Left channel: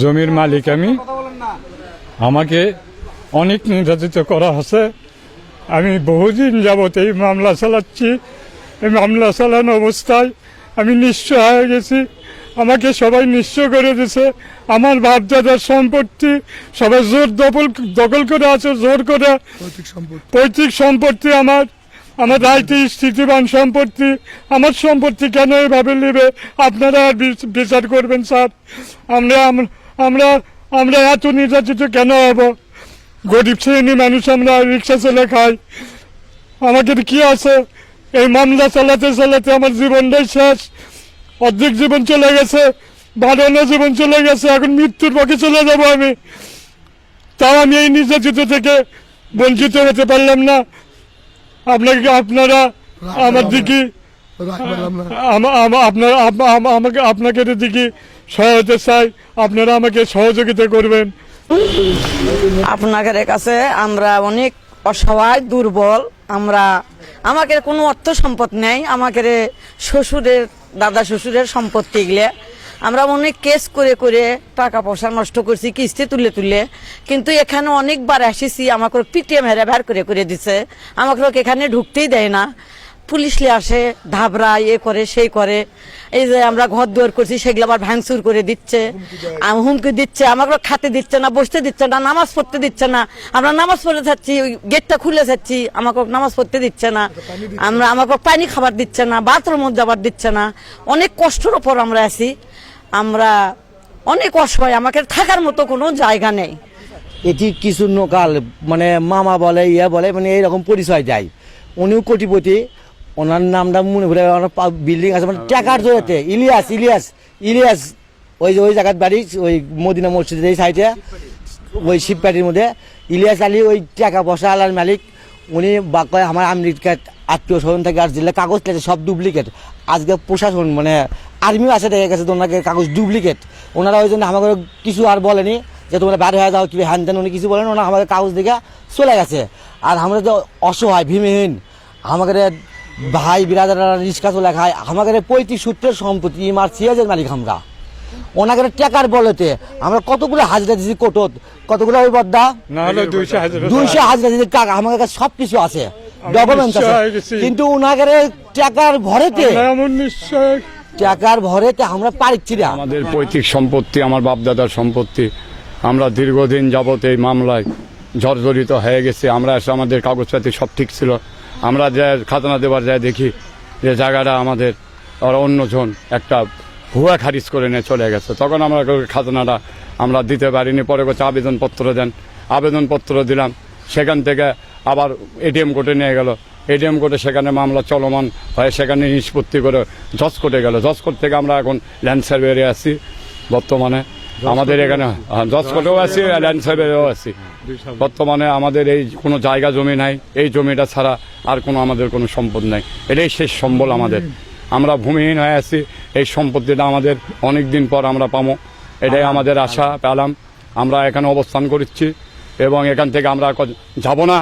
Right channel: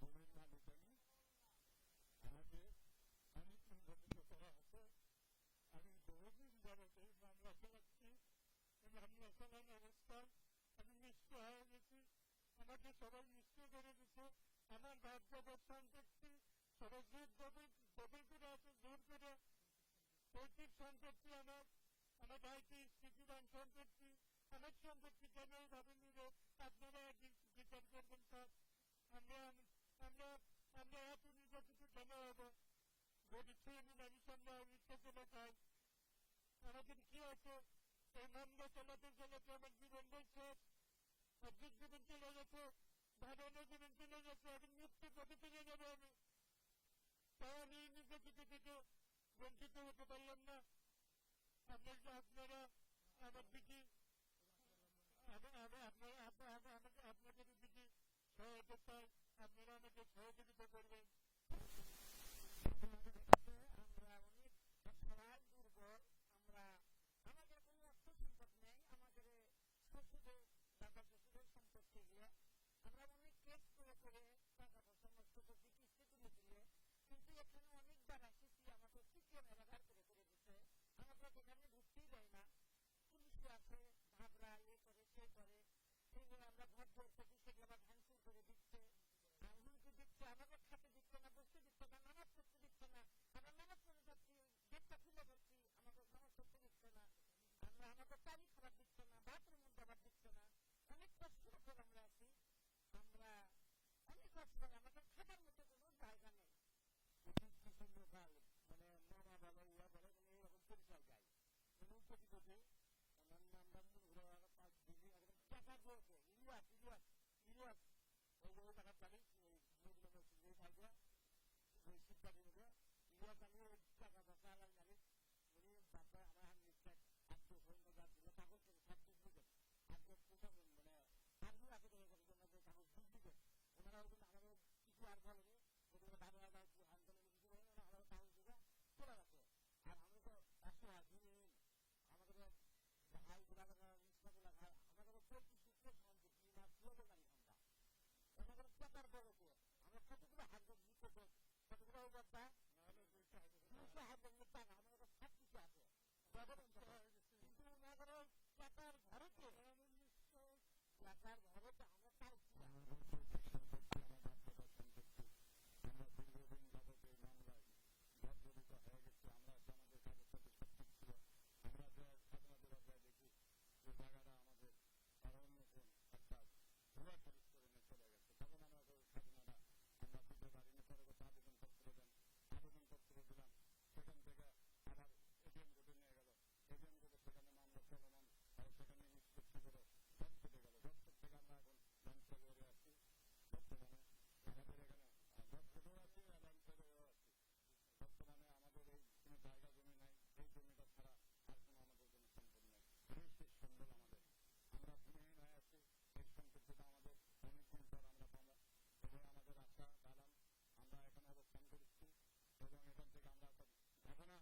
জমির মালিক আমি। আমাকে অনেক নির্যাতিত করা হচ্ছে। আমি বহুদিন যাবত এই মামলা চালাচ্ছি। এই মামলা চালানো অবস্থায় আমি নিঃস্ব হয়ে গেছি। আমাকে সবাই নিঃস্ব করে দিছে। আমার বাপদাদার সম্পত্তি সবাই জোর দখল দখল করে আছে জোর করে। পৈতৃক সম্পত্তি আমার। আমার রাইতে স্থিতিবান সম্পত্তি। আমার সম্পত্তি কেন এভাবে নেবে? আপনারা আর বিচার করবেন স্যার। আমরা আম- আমরা আমরা এত নির্যাতিত কেন হব? গরিব শ্রেণি মানুষ আমরা রিক্সা চলে খাই। আমাদের কি আছে? এই মামলা চালাতে চালাতে আমার জীবনটাই শেষ। অর্ধেক জীবন চলে গেছে বারোনো জীবন চলে গেছে এখন মৃত্যুর পক্ষে চলে যাব আমি। তাও আমি এই নির্যাতিত থেকে বঞ্চিত হতে পারলাম না। আপনাকে আপনারা আমার দিকে আপনারা আমাকে আপনাকে দিকে সহায়তা চাই, আপনারা আমাকে সহযোগিতা করবেন। আপনাদের কাছে আমরা অনেক অসহায়, দুর্বল, আমরা আমাকে কোনো অর্থ সম্পদ নেই আমাকে শ্বশুরের, দাদা শ্বশুরের সম্পত্তি এগুলো। আমরা অনেক কেস করে করে টাকা পয়সা নষ্ট করছি, কিস্তি তুলে তুলে। কিন্তু এখানে অনেকবার এসেছি, আমাকে পিটিএম হেরে বের করে করে দিছে। আমাকে এখানে ঢুকতেই দেয় না। পুলিশলে আসে ধাবরা এ করে সেই করে। এই যে আমরা ঘর দুয়ার করছি সেগুলো আবার ভাঙচুর করে দিচ্ছে। হুমকি দিচ্ছে আমাকে খাতে দিচ্ছে না বসতে দিচ্ছে না নামাজ পড়তে দিচ্ছে না। আমরা নামাজ পড়ে যাচ্ছি ওই গেটটা খুলে যাচ্ছি আমাকে নামাজ পড়তে দিচ্ছে না। আমরা আমাকে পানি খাবার দিচ্ছে না বাথরুম যাবার দিচ্ছে না। অনেক কষ্টের ওপর আমরা আছি। আমরা অনেক অসহায় আমাকে থাকার মতো কোনো জায়গা নেই। এটি কিছু নোকাল মানে মামা বলে ইয়া বলে মানে এইরকম পরিচয় দেয়। উনিও কোটিপতি ওনার নামটা মনে করে বিল্ডিং আছে মানে ট্যাকার জোরেতে ইলিয়াস ইলিয়াস ইলিয়াস। ওই যে ওই জায়গার বাড়ি, ওই মদিনা মসজিদের এই সাইডে ওই শিবপাটির মধ্যে। ইলিয়াস আলী ওই টাকা পয়সা আলার মালিক, উনি বা কয় আমার আমেরিকার আত্মীয় স্বজন থেকে আর দিলে কাগজ লেগেছে সব ডুপ্লিকেট আজকে প্রশাসন মানে আর্মিও আছে দেখে গেছে ওনাকে কাগজ ডুপ্লিকেট ওনারা ওই জন্য আমাকে কিছু আর বলেনি, যে তোমরা বাইরে হয়ে যাও, কি হ্যান ত্যান উনি কিছু বলেন ওনা আমাদের কাগজ দিকে চলে গেছে। আর আমরা তো অসহায়, ভীমহীন। আমাদের ভাই বিরাদারা রিক্সা চলে খায়। আমাদের পঁয়ত্রিশ সূত্রের সম্পত্তি ইমার সিয়াজের মালিক আমরা। ওনাকে টাকার বলতে আমরা কতগুলো হাজিরা দিয়েছি কোটত? কতগুলো ওই বদ্দা? দুইশো হাজার দিদি টাকা আমার কাছে সব কিছু আছে। ডকুমেন্টস আছে। কিন্তু ওনাদের টাকার ভরেতে টাকার ভরেতে আমরা পারিচ্ছি না। আমাদের পৈতৃক সম্পত্তি আমার বাপদাদার সম্পত্তি। আমরা দীর্ঘদিন যাবত এই মামলায় জর্জরিত হয়ে গেছে। আমরা এসে আমাদের কাগজপাতি সব ঠিক ছিল। আমরা যে খাজনা দেবার যায় দেখি যে জায়গাটা আমাদের ওরা অন্যজন একটা ভুয়া খারিজ করে নিয়ে চলে গেছে। তখন আমরা খাজনাটা আমরা দিতে পারিনি। পরে করছে আবেদনপত্র দেন। আবেদনপত্র দিলাম। সেখান থেকে আবার এটিএম কোর্টে নিয়ে গেল। এটিএম কোর্টে সেখানে মামলা চলমান হয়ে। সেখানে নিষ্পত্তি করে জজ কোর্টে গেল। জজ কোর্ট থেকে আমরা এখন ল্যান্ড সার্ভেয়ারে আছি বর্তমানে। আমাদের এখানে জজ কোর্টেও আছি ল্যান্ড সার্ভেয়ারেও আছি। বর্তমানে আমাদের এই কোনো জায়গা জমি নাই এই জমিটা ছাড়া আর কোনো আমাদের কোনো সম্পদ নাই। এটাই শেষ সম্বল আমাদের। আমরা ভূমিহীন হয়ে আছি এই সম্পত্তিটা আমাদের অনেক দিন পর আমরা পাবো। এটাই আমাদের আশা পেলাম আমরা এখানে অবস্থান করছি এবং এখান থেকে আমরা যাব না।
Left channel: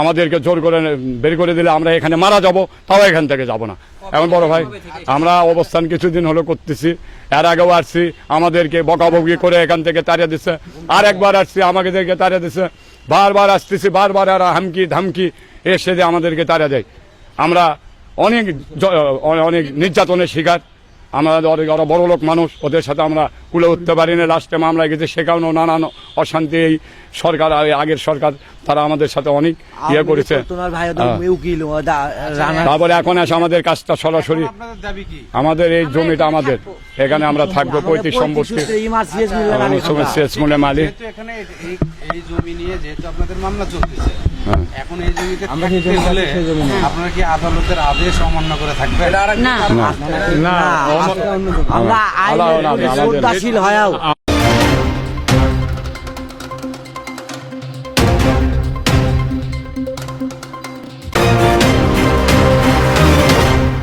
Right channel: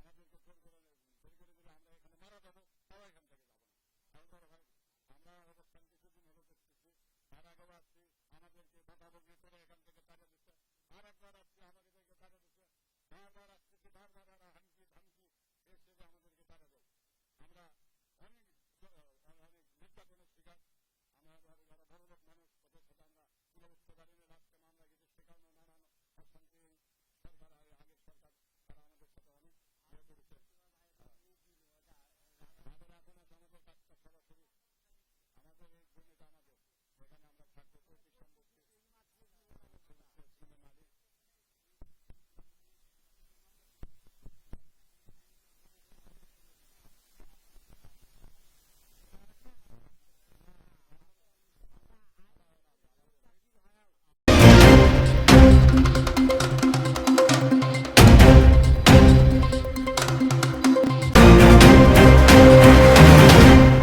আমাদেরকে জোর করে বের করে দিলে আমরা এখানে মারা যাব তাও এখান থেকে যাব না। এমন বড় ভাই, আমরা অবস্থান কিছুদিন হলো করতেছি, এর আগেও আসছি, আমাদেরকে বকাবকি করে এখান থেকে তাড়িয়ে দিচ্ছে আর একবার আসছি, আমাকে দেখে তাড়িয়ে দিচ্ছে বারবার আসতেছি, বারবার আর হামকি, ধামকি, এসে যে আমাদেরকে তাড়া দেয়। আমরা অনেক অনেক নির্যাতনের শিকার আমাদের অনেক- ওরা বড় লোক মানুষ ওদের সাথে আমরা কুলে উঠতে পারি না লাস্টে মামলায় গেছে সেখানেও নানান অশান্তি এই সরকার এই আগের সরকার তারা আমাদের সাথে অনেক ইয়ে করেছে তোমার ভাই হ্যাঁ। রানা তারপরে এখন আসে আমাদের কাজটা সরাসরি আমাদের এই জমিটা আমাদের এখানে আমরা থাকব পঁয়ত্রিশ সম্পত্তি আমরা। শেষ মূল্যে মালিক এখানে এই- জমি নিয়ে যেহেতু আপনাদের মামলা চলতেছে। এখন এই জমিতে থাকতে হলে আপনারা কি আদালতের আদেশ অমান্য করে থাকবেন? না। আমরা আইনের শ্রদ্ধাশীল হয়েও